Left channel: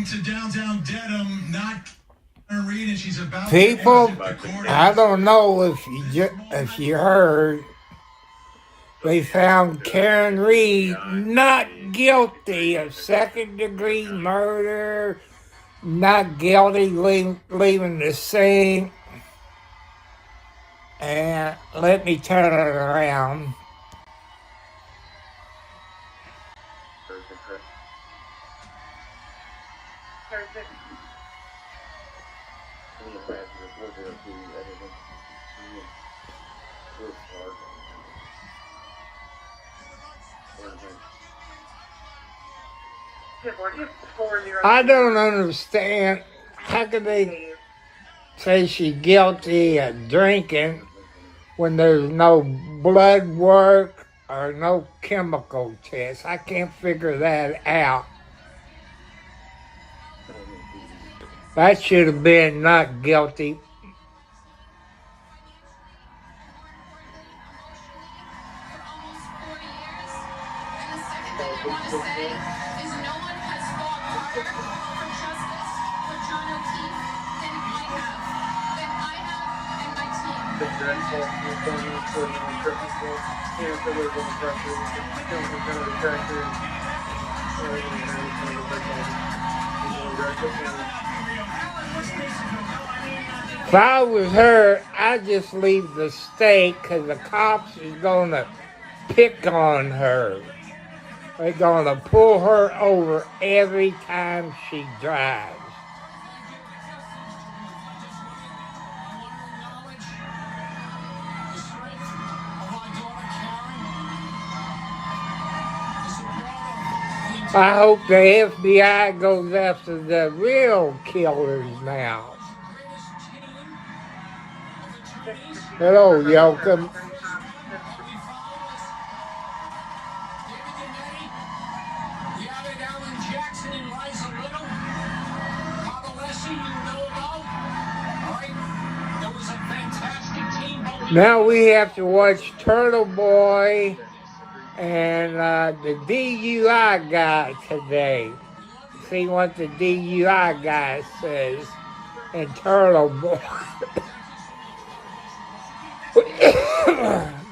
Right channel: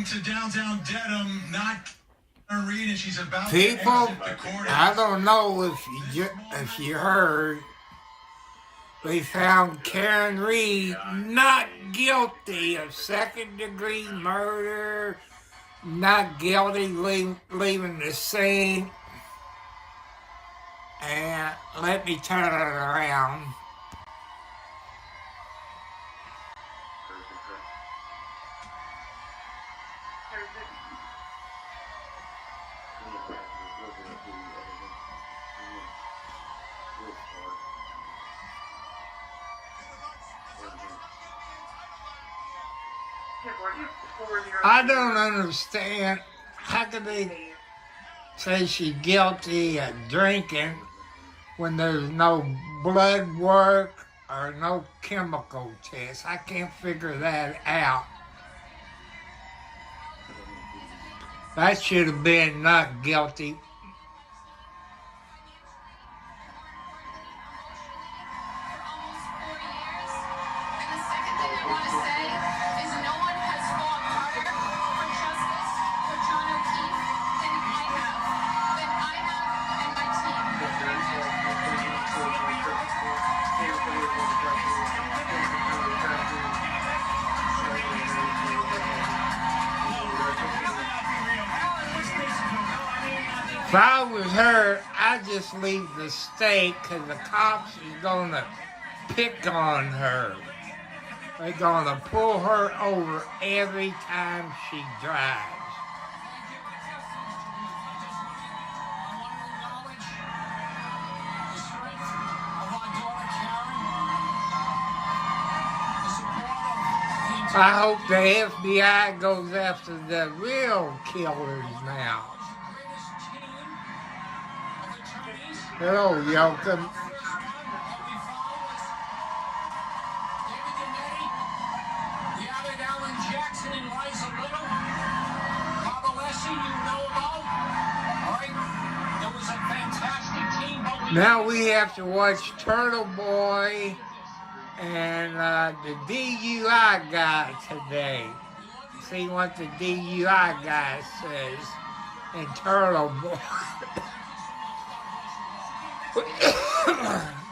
Welcome to downtown Dedham, not Reed, and she's about people, to exit the court. I don't know if you heard, they found Karen Reed not guilty of second-degree murder, not guilty leaving the scene. And let me turn it around. I don't understand. How could they say she's guilty of drinking when there's no blood work or no chemical test? I can't figure that out. That should have been not guilty. If I was her, I'd just leave the state because the cops is going to pick on her. They're going to pull her over every time she drives. I hope the FBI goes after the real killers now. Hello, Yoakum. Now we have to watch Turtle Boy and the DUI guy today. See what the DUI guy says in Turtle Boy.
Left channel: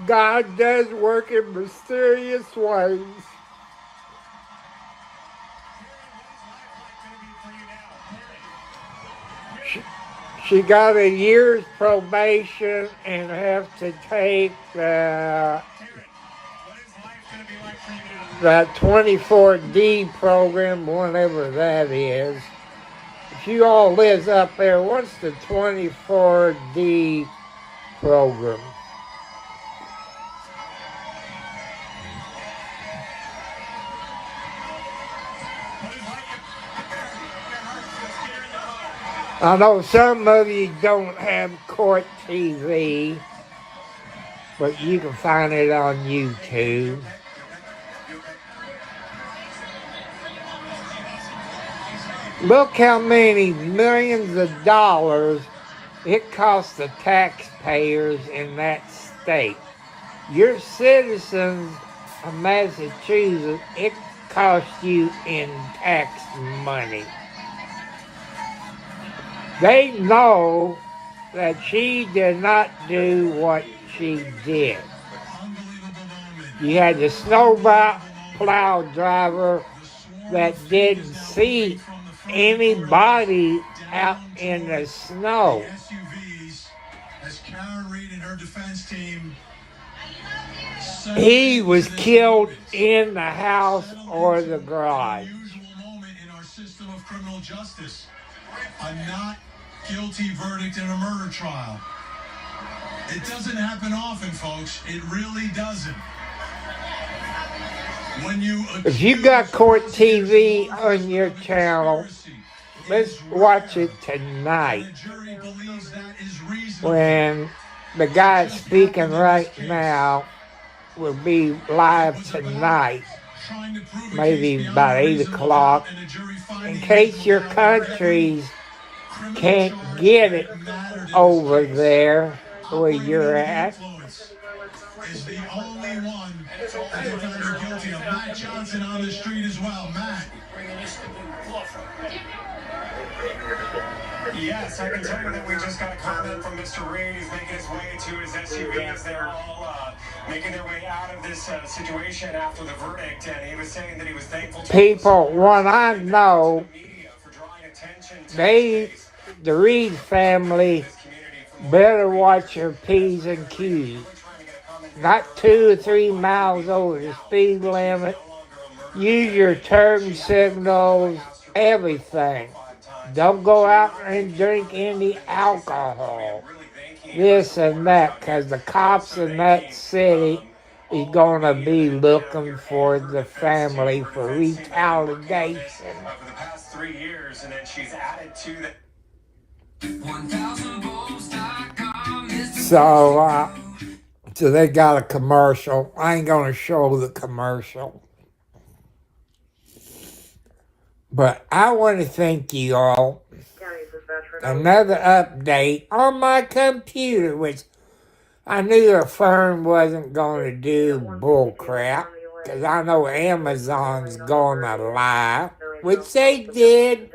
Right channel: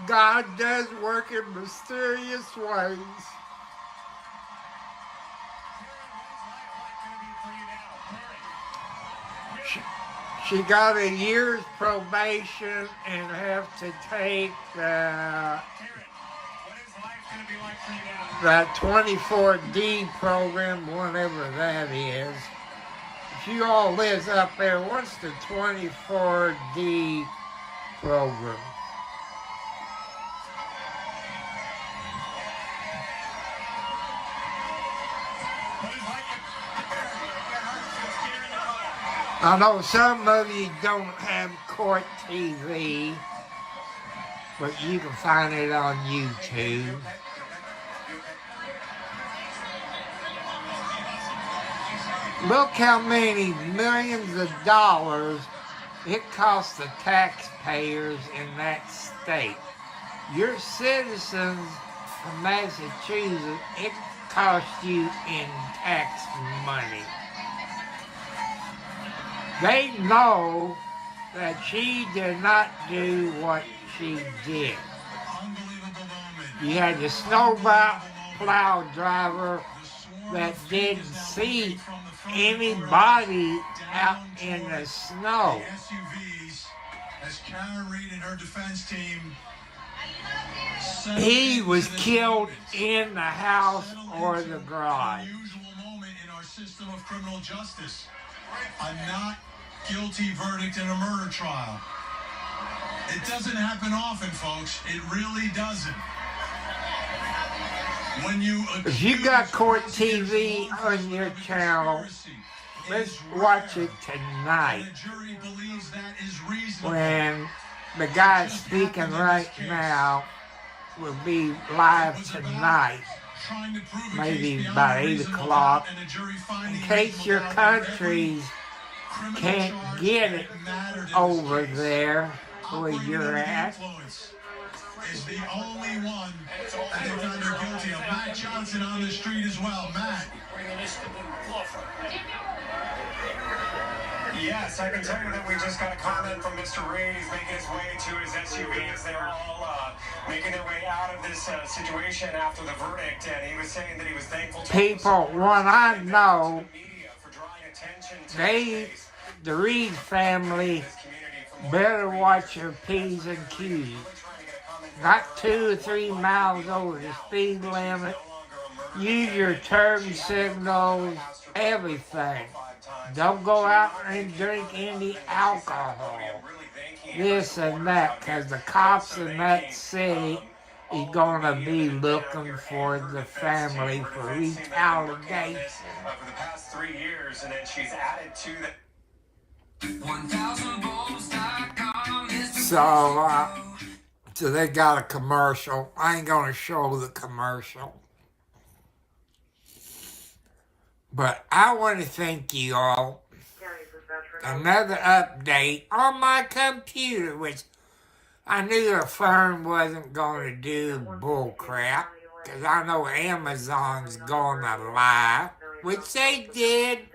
God does work in mysterious ways. She got a year's probation and have to take that 24D program, whatever that is. If you all lives up there, what's the 24D program? I know some of you don't have court TV, but you can find it on YouTube. Look how many millions of dollars it costs the taxpayers in that state. Your citizens of Massachusetts, it costs you in tax money. They know that she did not do what she did. You had the snowplow driver that didn't see anybody out in the snow. He was killed in the house or the garage. A not guilty verdict in a murder trial. It doesn't happen often, folks. It really doesn't. If you got court TV on your channel, let's watch it tonight. When the guy speaking right now will be live tonight, maybe about 8 o'clock, in case your countries can't get it over there where you're at. Is the only one that found guilty of Matt Johnson on the street as well. Matt, Yes, I can tell you that we just got a comment from Mr. Reed. He's making his way to his SUV as they're all making their way out of this situation after the verdict. And he was saying that he was thankful to People, what I know, the media for drawing attention to the Reed family better watch their P's and Q's. Not 2 or 3 miles over the speed limit. Use your turn signals, everything. Don't go out and drink any alcohol. This and that, because the cops in that city is going to be looking for the family for retaliation. over the past 3 years, and then she's added to that. So they got a commercial. I ain't going to show the commercial. But I want to thank you all. Another update on my computer, which I knew the firm wasn't going to do bull crap, because I know Amazon's going to lie, which they did,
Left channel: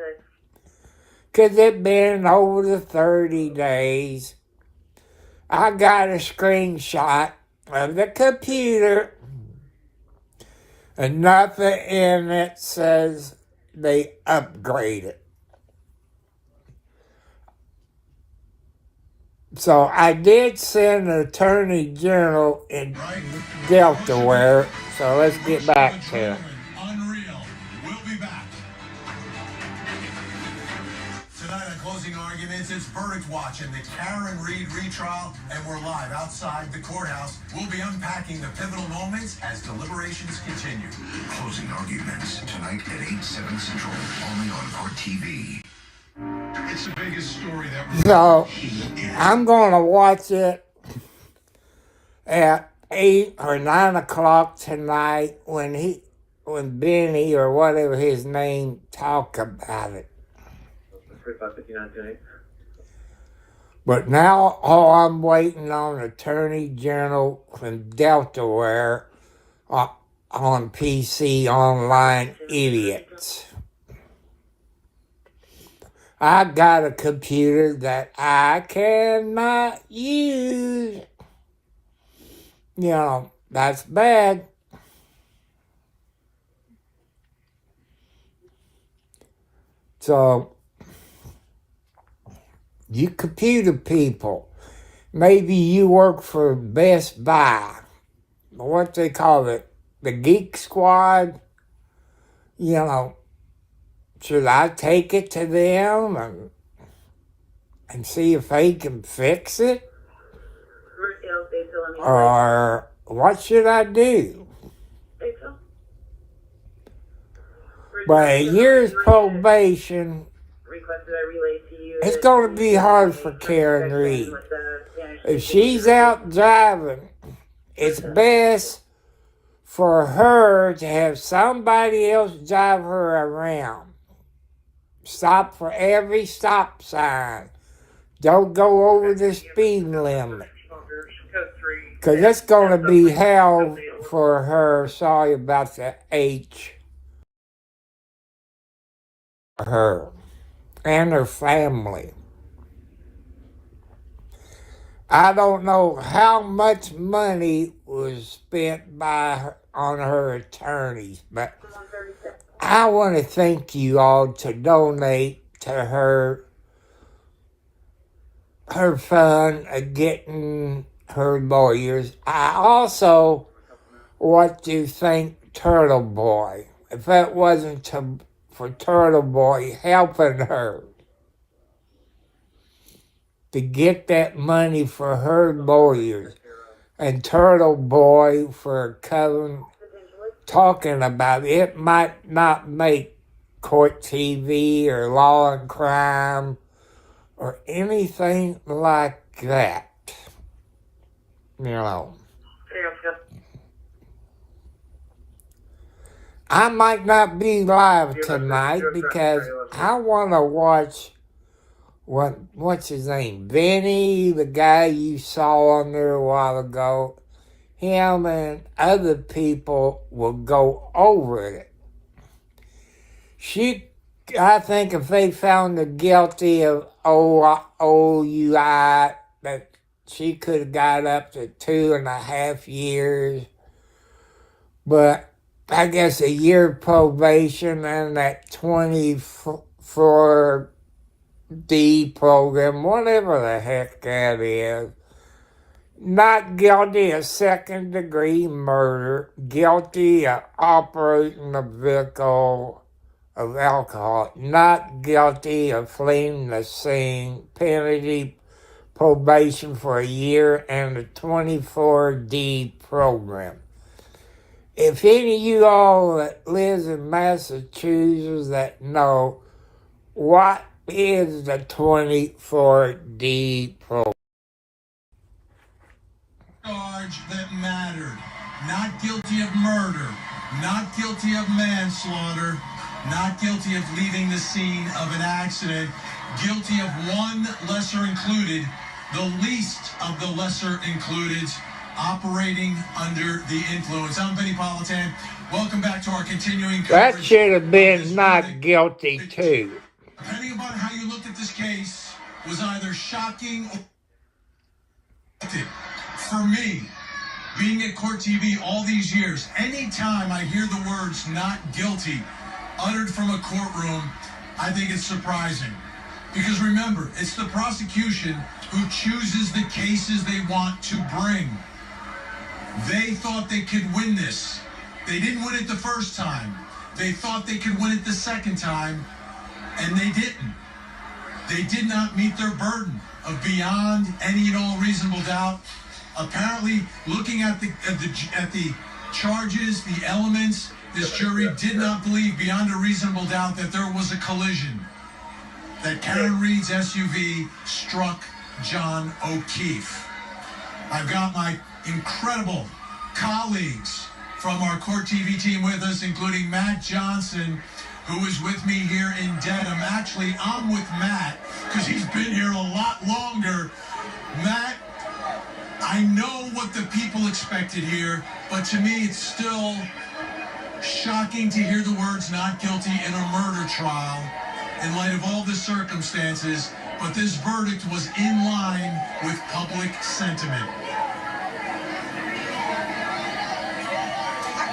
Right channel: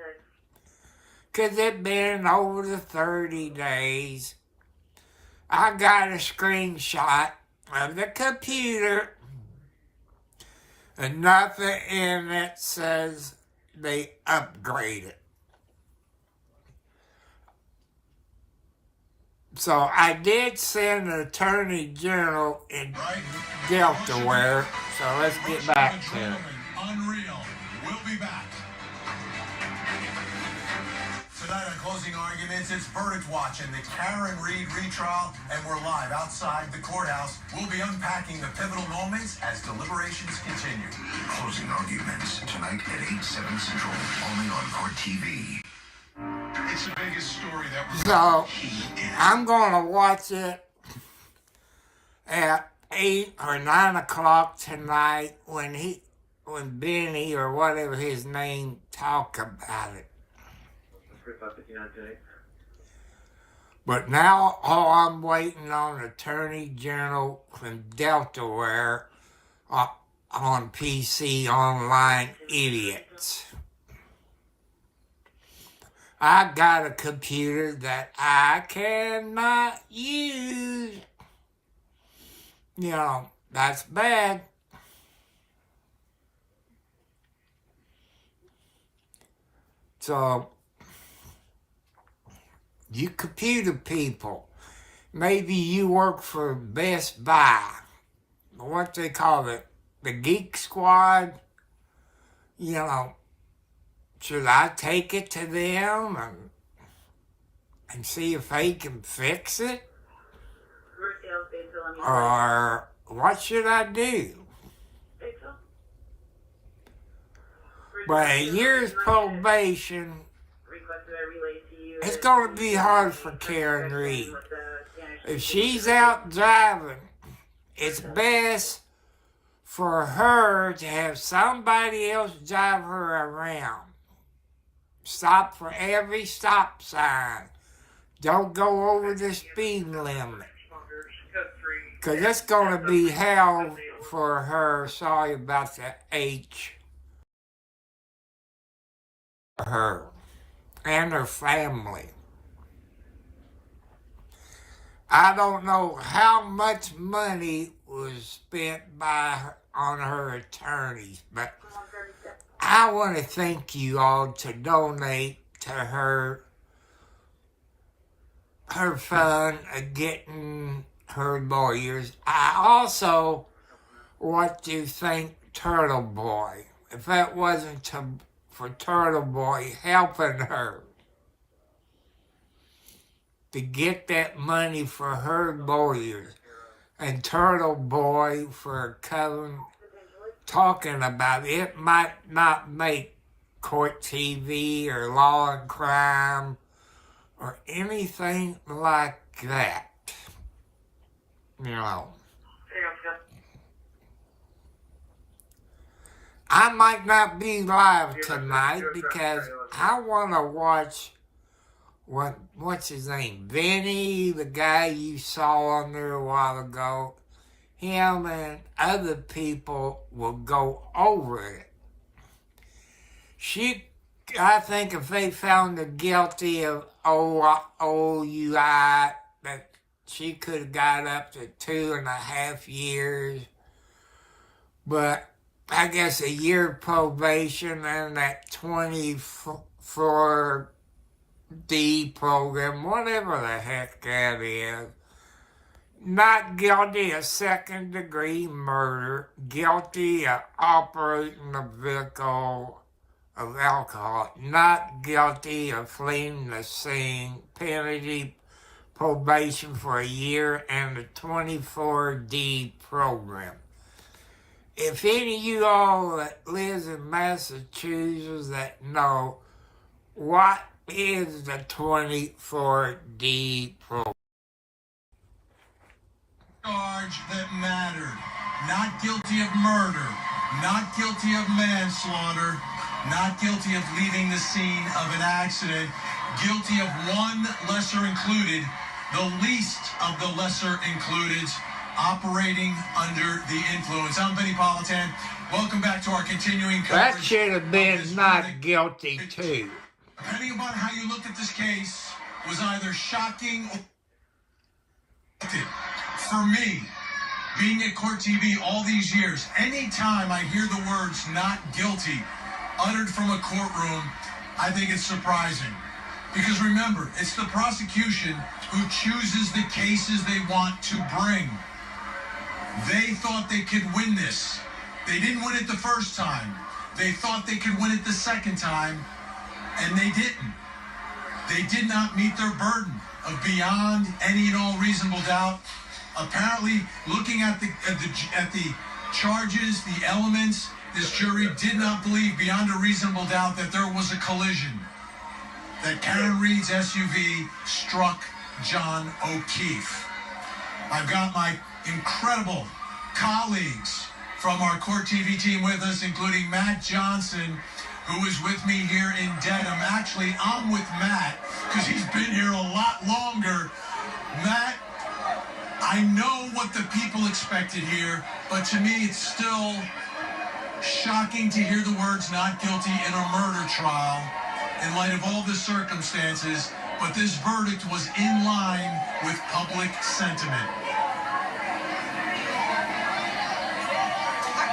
because it's been over the 30 days. I got a screenshot of the computer, and nothing in it says they upgraded. So I did send an attorney general in Delaware. So let's get back to it. Unreal. We'll be back. Tonight on Closing Arguments, it's verdict watch in the Karen Reed retrial, and we're live outside the courthouse. We'll be unpacking the pivotal moments as deliberations continue. Closing Arguments, tonight at 8/7 Central, only on Court TV. It's the biggest story that we're So I'm going to watch it at 8 or 9 o'clock tonight when Benny or whatever his name talk about it. But now all I'm waiting on Attorney General from Delaware on PC Online Idiots. I got a computer that I cannot use. You know, that's bad. So, you computer people, maybe you work for Best Buy, what they call it, the Geek Squad, you know, should I take it to them and see if they can fix it? Or what should I do? But a year's probation, it's going to be hard for Karen Reed. If she's out driving, it's best for her to have somebody else drive her around. Stop for every stop sign. Don't go over the speed limit. Because it's going to be hell for her. Sorry about the H. Her and her family. I don't know how much money was spent by her, on her attorneys, but I want to thank you all to donate to her fund of getting her lawyers. I also want to thank Turtle Boy. If that wasn't for Turtle Boy helping her to get that money for her lawyers, and Turtle Boy for talking about it. It might not make Court TV or Law and Crime or anything like that. You know. I might not be live tonight because I want to watch what's his name? Benny, the guy you saw on there a while ago. Him and other people will go over it. I think if they found her guilty of OUI, that she could have got up to 2.5 years. But I guess a year probation and that 24D program, whatever the heck that is. Not guilty of second-degree murder, guilty of operating a vehicle of alcohol, not guilty of fleeing the scene, penalty probation for a year, and a 24D program. If any of you all that lives in Massachusetts that know, what is the 24D program? Charge that mattered. Not guilty of murder, not guilty of manslaughter, not guilty of leaving the scene of an accident, guilty of one lesser included, the least of the lesser included, operating under the influence. I'm Benny Politan. Welcome back to our continuing coverage. That should have been not guilty too. Depending upon how you look at this case, was either shocking or... For me, being at Court TV all these years, anytime I hear the words not guilty uttered from a courtroom, I think it's surprising. Because remember, it's the prosecution who chooses the cases they want to bring. They thought they could win this. They didn't win it the first time. They thought they could win it the second time, and they didn't. They did not meet their burden of beyond any and all reasonable doubt. Apparently, looking at the charges, the elements, this jury did not believe beyond a reasonable doubt that there was a collision, that Karen Read's SUV struck John O'Keefe. I've got my incredible colleagues from our Court TV team with us, including Matt Johnson, who is with me here in Dedham. Actually, I'm with Matt because he's been here a lot longer. Matt, I know what the people expected here, but to me it's still shocking to hear the words not guilty in a murder trial in light of all the circumstances, but this verdict was in line with public sentiment.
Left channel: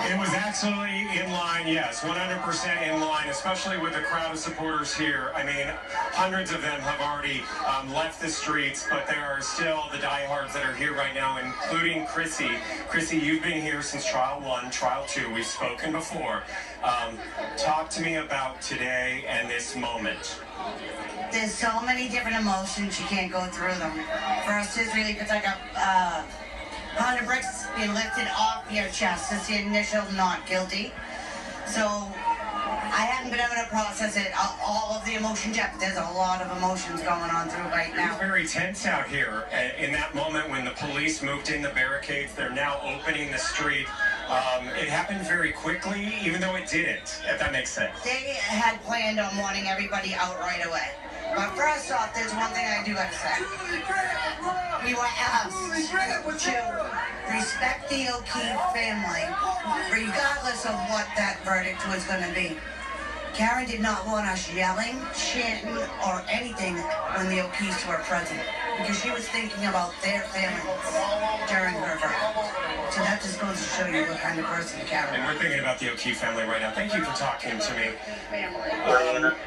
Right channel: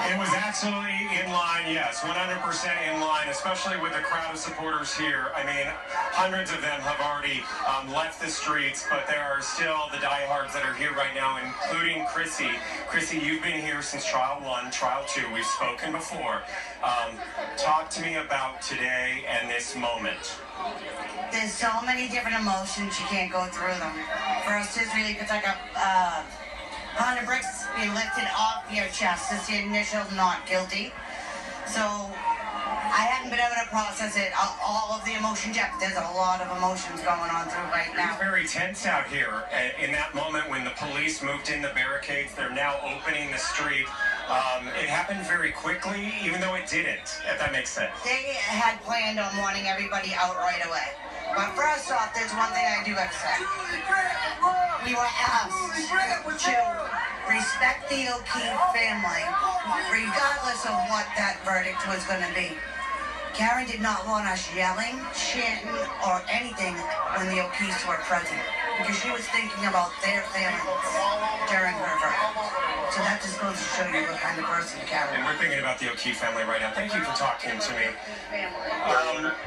It was absolutely in line, yes, 100% in line, especially with the crowd of supporters here. I mean, hundreds of them have already left the streets, but there are still the diehards that are here right now, including Chrissy. Chrissy, you've been here since trial 1, trial 2. We've spoken before. Talk to me about today and this moment. There's so many different emotions, you can't go through them. First is really, it's like a 100 bricks being lifted off your chest. It's the initial not guilty. So I haven't been able to process it, all of the emotions yet. There's a lot of emotions going on through right now. It's very tense out here. In that moment when the police moved in the barricades, they're now opening the street. It happened very quickly, even though it didn't, if that makes sense. They had planned on wanting everybody out right away. But first off, there's one thing I do have to say. We were asked to respect the O'Keefe family, regardless of what that verdict was going to be. Karen did not want us yelling, chanting, or anything when the O'Keefes were present, because she was thinking about their families during her verdict. So that just goes to show you what kind of person Karen is. And we're thinking about the O'Keefe family right now. Thank you for talking to me.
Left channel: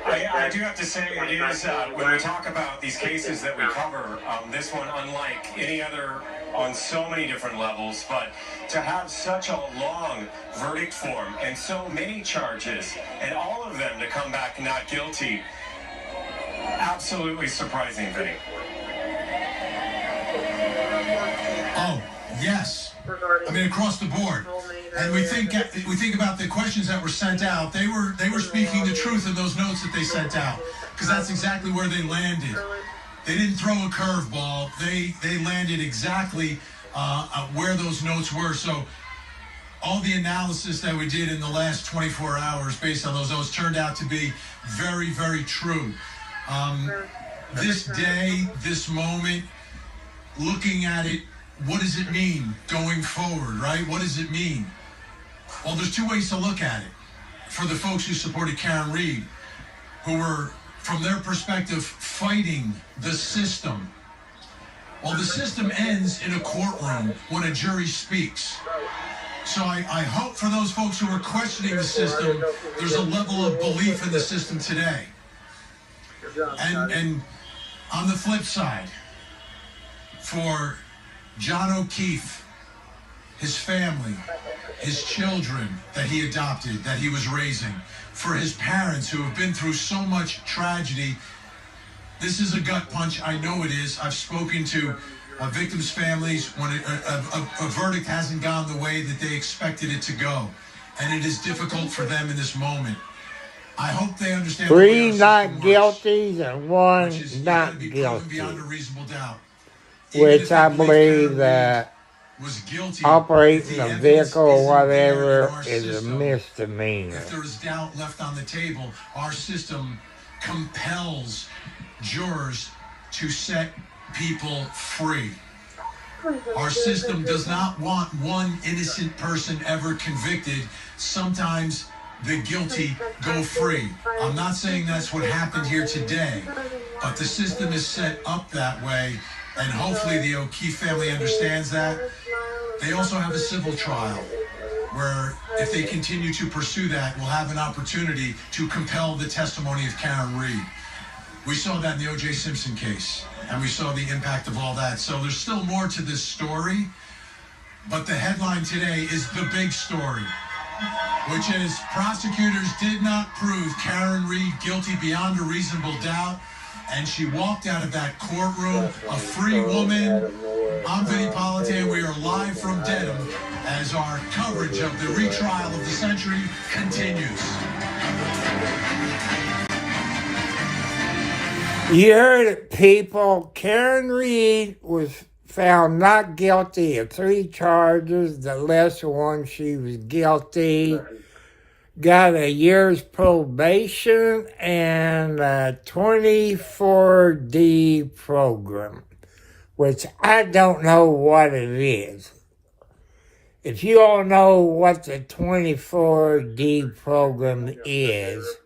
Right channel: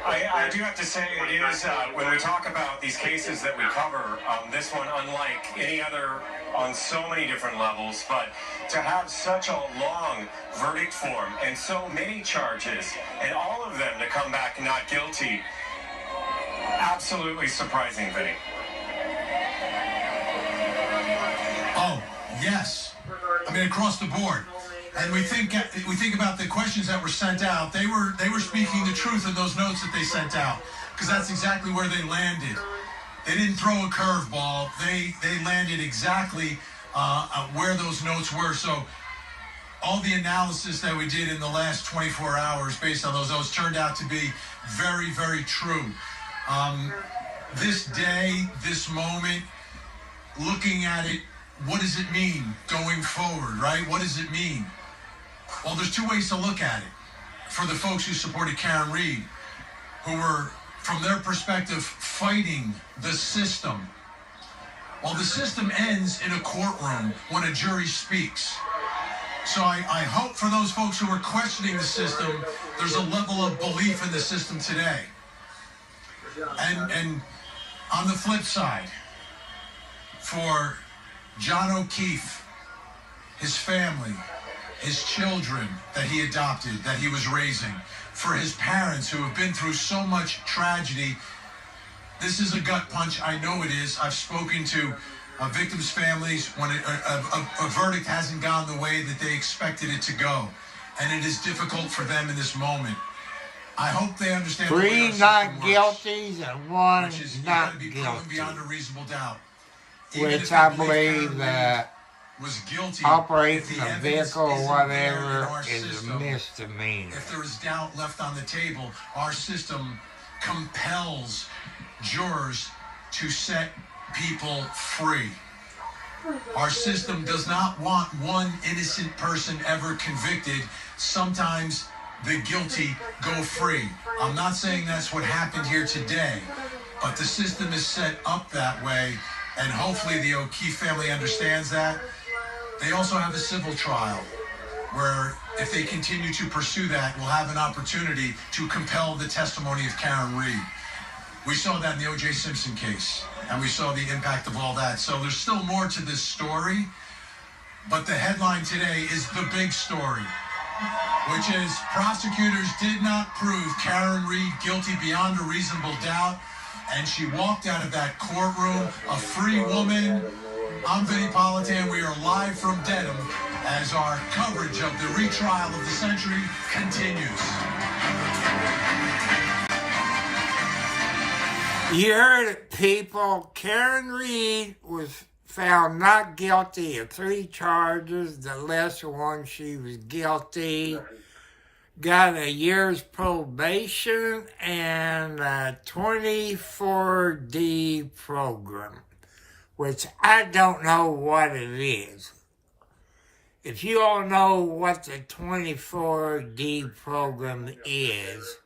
I do have to say, it is, when we talk about these cases that we cover, this one, unlike any other on so many different levels, but to have such a long verdict form and so many charges, and all of them to come back not guilty, absolutely surprising, Vinny. Oh, yes. I mean, across the board. And we think about the questions that were sent out. They were speaking the truth in those notes that they sent out, because that's exactly where they landed. They didn't throw a curveball. They landed exactly where those notes were. So all the analysis that we did in the last 24 hours based on those notes turned out to be very, very true. This day, this moment, looking at it, what does it mean going forward, right? What does it mean? Well, there's two ways to look at it. for the folks who supported Karen Reed, who were, from their perspective, fighting the system. Well, the system ends in a courtroom when a jury speaks. So I hope for those folks who are questioning the system, there's a level of belief in the system today. And on the flip side, for John O'Keefe, his family, his children that he adopted, that he was raising, for his parents who have been through so much tragedy, this is a gut punch. I know it is. I've spoken to victims' families when a verdict hasn't gone the way that they expected it to go. And it is difficult for them in this moment. I hope they understand. 3 not guilties and 1 not beyond guilty. a reasonable doubt. Which I believe that was guilty, operating a vehicle or whatever is a misdemeanor. If there is doubt left on the table, our system compels jurors to set people free. Our system does not want one innocent person ever convicted. Sometimes the guilty go free. I'm not saying that's what happened here today, but the system is set up that way, and hopefully the O'Keefe family understands that. They also have a civil trial where if they continue to pursue that, we'll have an opportunity to compel the testimony of Karen Reed. We saw that in the O.J. Simpson case, and we saw the impact of all that. So there's still more to this story, but the headline today is the big story, which is prosecutors did not prove Karen Reed guilty beyond a reasonable doubt, and she walked out of that courtroom a free woman. I'm Vinny Politan. We are live from Dedham as our coverage of the retrial of the century continues. You heard it, people. Karen Reed was found not guilty of 3 charges. The lesser one, she was guilty. Got a year's probation and a 24D program, which I don't know what it is. If you all know what the 24D program is,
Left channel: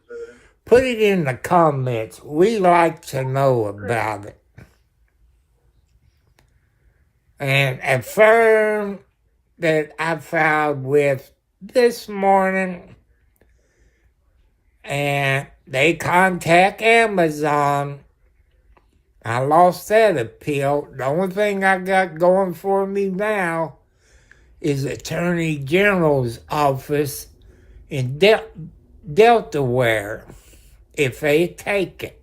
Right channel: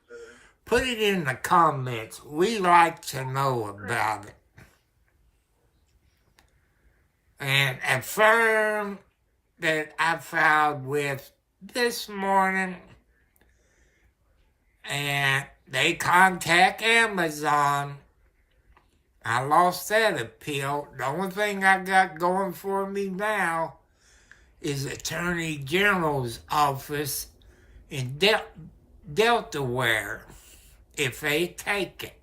put it in the comments. We like to know about it. And a firm that I filed with this morning, and they contact Amazon. I lost that appeal. The only thing I got going for me now is Attorney General's office in Delaware, if they take it.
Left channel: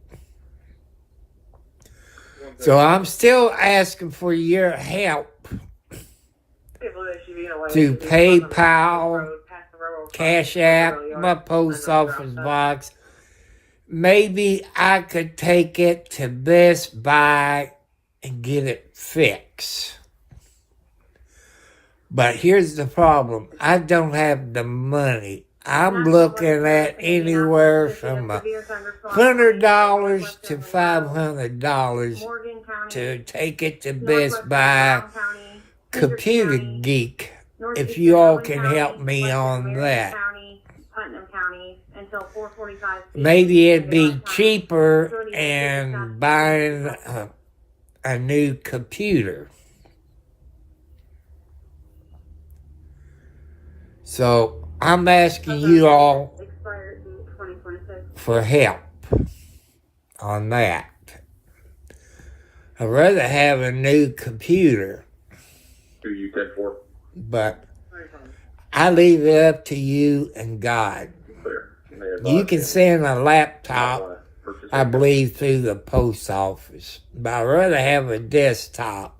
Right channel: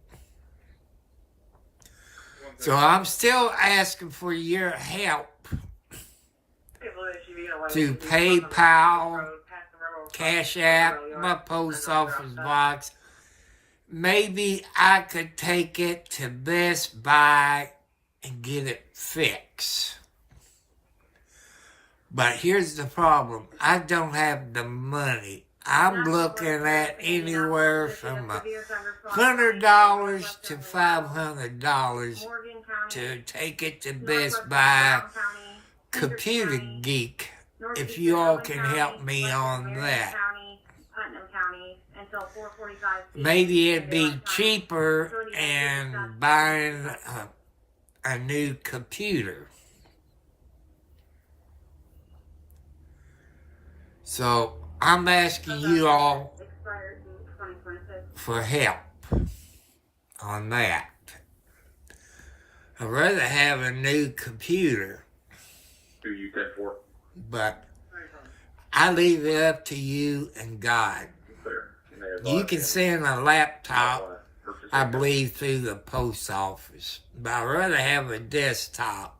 So I'm still asking for your help to PayPal, Cash App, my post office box. Maybe I could take it to Best Buy and get it fixed. But here's the problem. I don't have the money. I'm looking at anywhere from $100 to $500 to take it to Best Buy. Computer Geek, if you all can help me on that. Maybe it'd be cheaper than buying a new computer. So I'm asking you all for help on that. I'd rather have a new computer. Who you said for? But I leave it up to you and God. You can send a laptop, I believe, through the post office. But I'd rather have a desktop.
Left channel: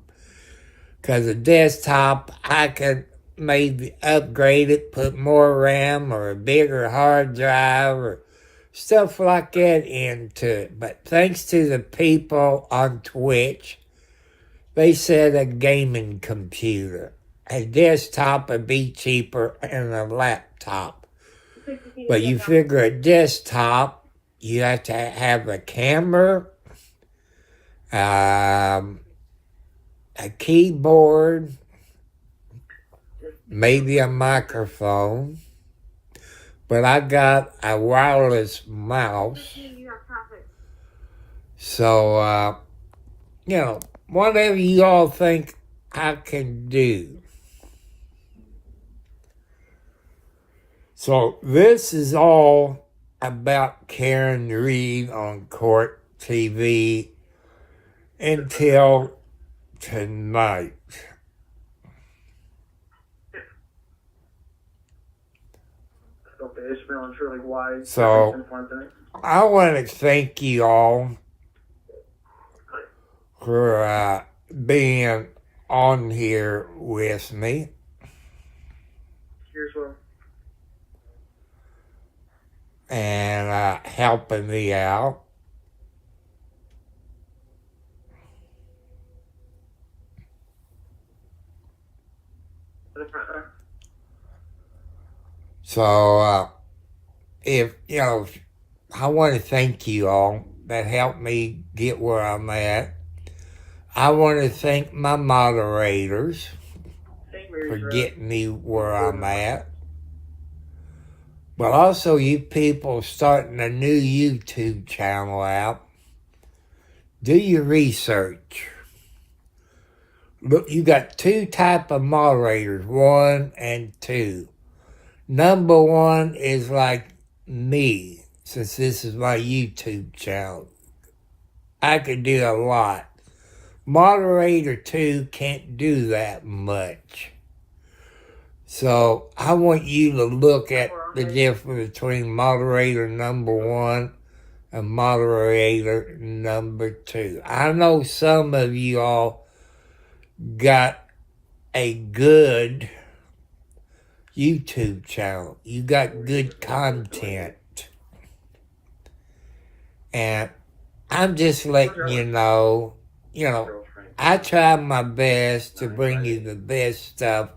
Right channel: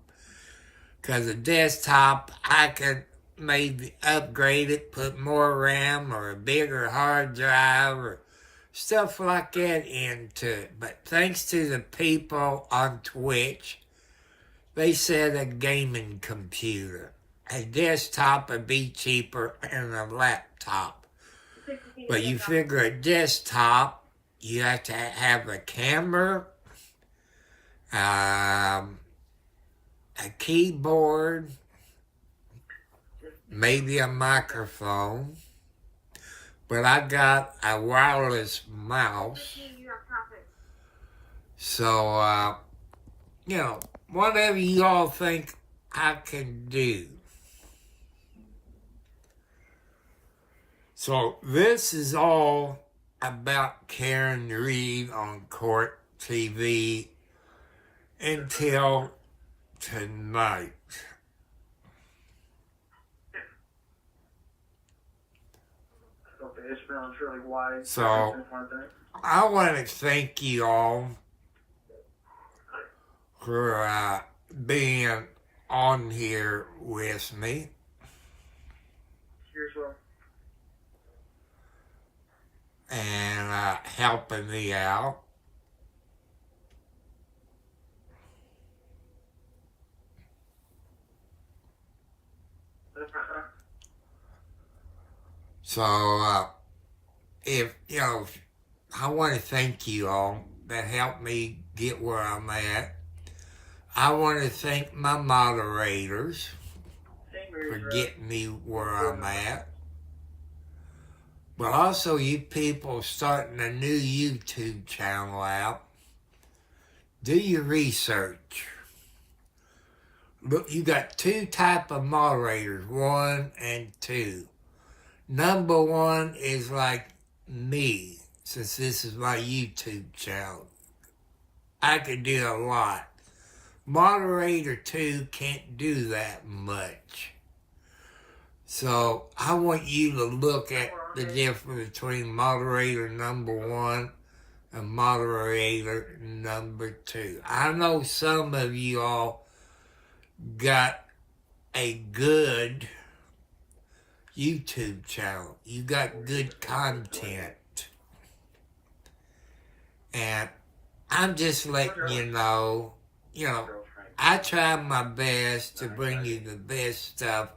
Because a desktop, I could maybe upgrade it, put more RAM or a bigger hard drive or stuff like that into it. But thanks to the people on Twitch, they said a gaming computer. A desktop would be cheaper than a laptop. But you figure a desktop, you have to have a camera, a keyboard, maybe a microphone, but I got a wireless mouse. So, whatever you all think I can do. So this is all about Karen Read on Court TV until tonight. So I want to thank you all for being on here with me. And helping me out. So, I want to thank you all that helped me get where I'm at. I want to thank my moderators for getting me where I'm at. But also you people starting a new YouTube channel out. Do your research. Look, you got two type of moderators, 1 and 2. Number 1 is like me, since this is my YouTube channel. I can do a lot. Moderator 2 can't do that much. So I want you to look at the difference between moderator number 1 and moderator number 2. I know some of you all got a good YouTube channel. You got good content. And I'm just letting you know, I try my best to bring you the best stuff.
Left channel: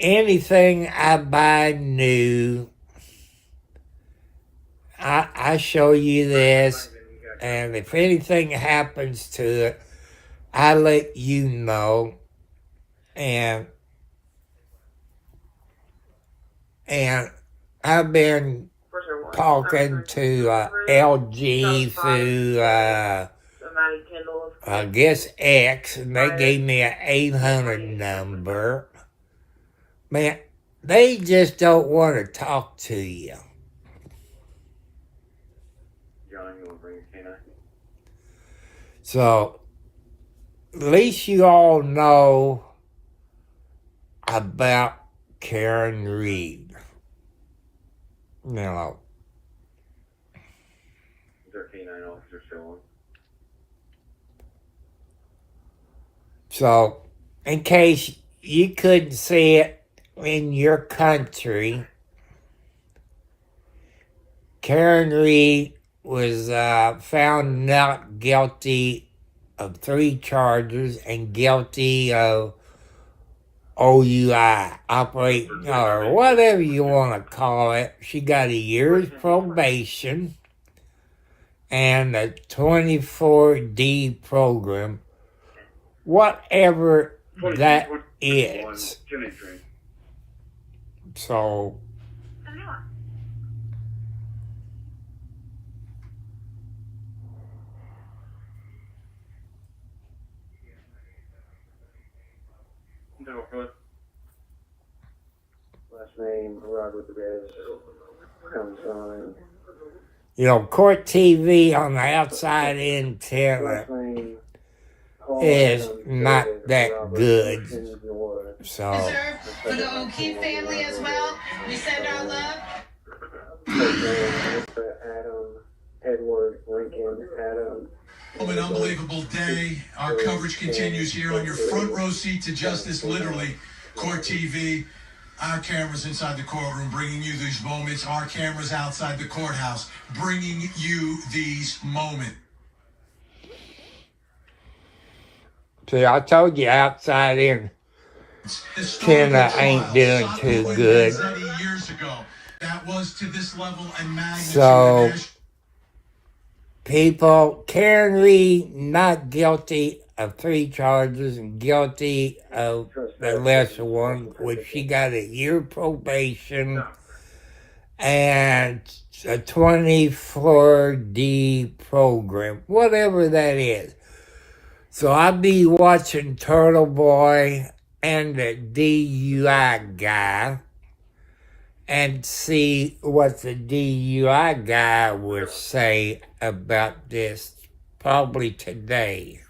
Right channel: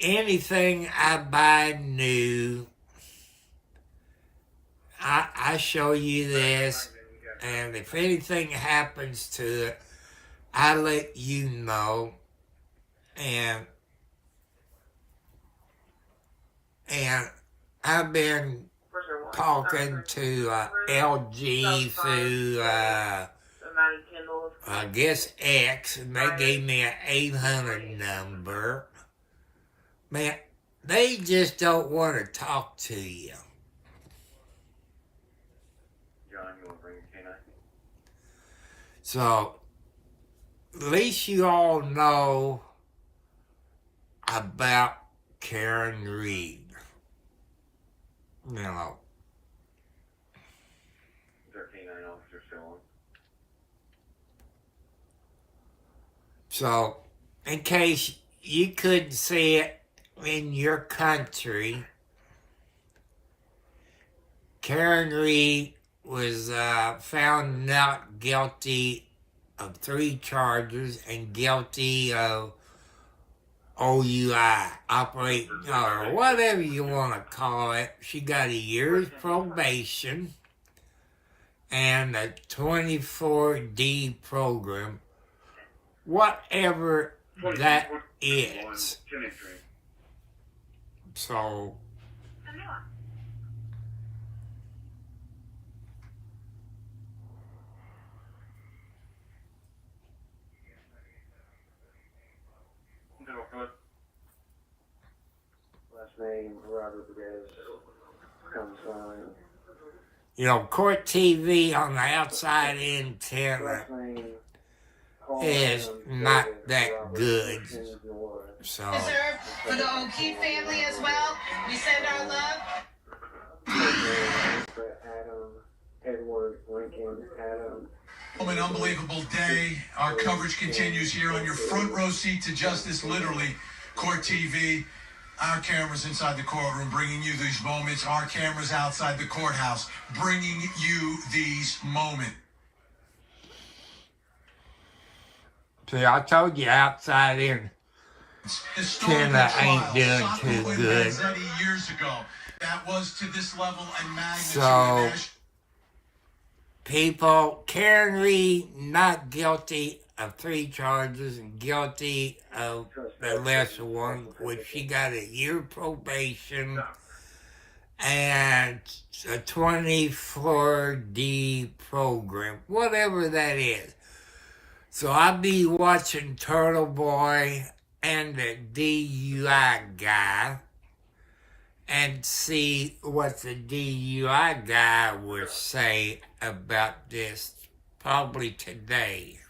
Anything I buy new, I show you this, and if anything happens to it, I let you know. And I've been talking to LG through, I guess X, and they gave me an 800 number. Man, they just don't want to talk to you. So, at least you all know about Karen Read. So, in case you couldn't see it in your country, Karen Read was found not guilty of 3 charges and guilty of OUI, operating, or whatever you want to call it. She got a year's probation and a 24D program, whatever that is. So, Last name Robert Reyes. Court TV on the outside antenna is not that good. So, For the O'Keefe family as well, we send our love. Adam, Edward, Lincoln, Adam. An unbelievable day. Our coverage continues here on your front row seat to justice, literally. Court TV, our cameras inside the courtroom bringing you these moments. Our cameras outside the courthouse bringing you these moments. See, I told you outside in China ain't doing too good. Years ago, that was to this level and magnitude. So, people, Karen Read not guilty of 3 charges and guilty of the lesser one, which she got a year probation and a 24D program, whatever that is. So I'll be watching Turtle Boy and the DUI guy and see what the DUI guy will say about this probably today.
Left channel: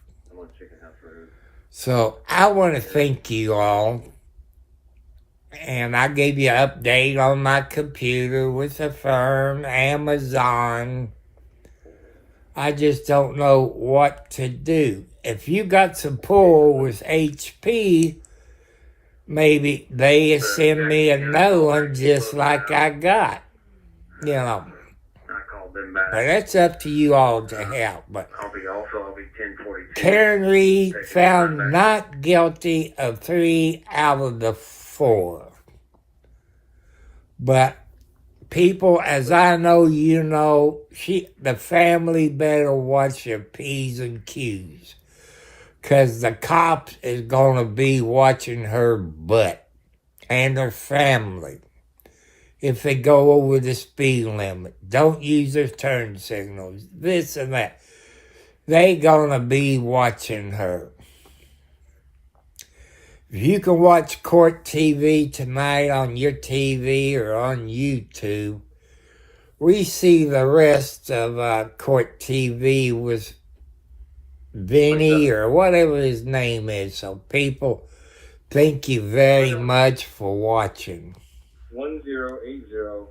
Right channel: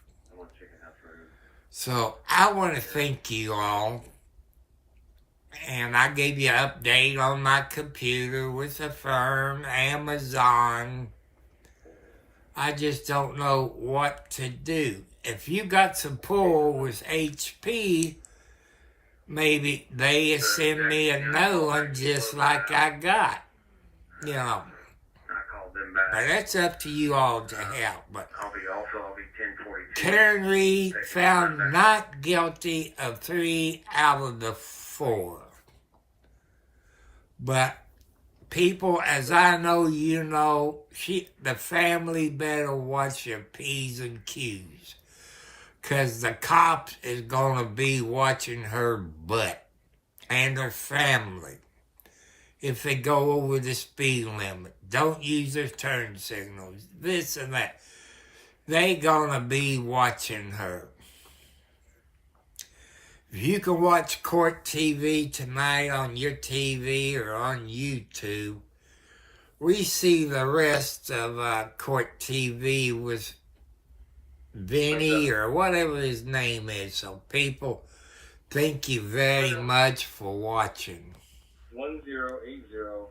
So I want to thank you all. And I gave you an update on my computer with a firm, Amazon. I just don't know what to do. If you got some pull with HP, maybe they send me a new one just like I got. You know. I called them back. But that's up to you all to help. But I'll be 1042. Karen Reed found not guilty of 3 out of the 4. But people, as I know, you know, the family better watch your P's and Q's. Because the cops is going to be watching her butt and her family if they go over the speed limit. Don't use their turn signals, this and that. They going to be watching her. If you can watch Court TV tonight on your TV or on YouTube, we see the rest of Court TV with Vinny or whatever his name is. So people, thank you very much for watching. 1080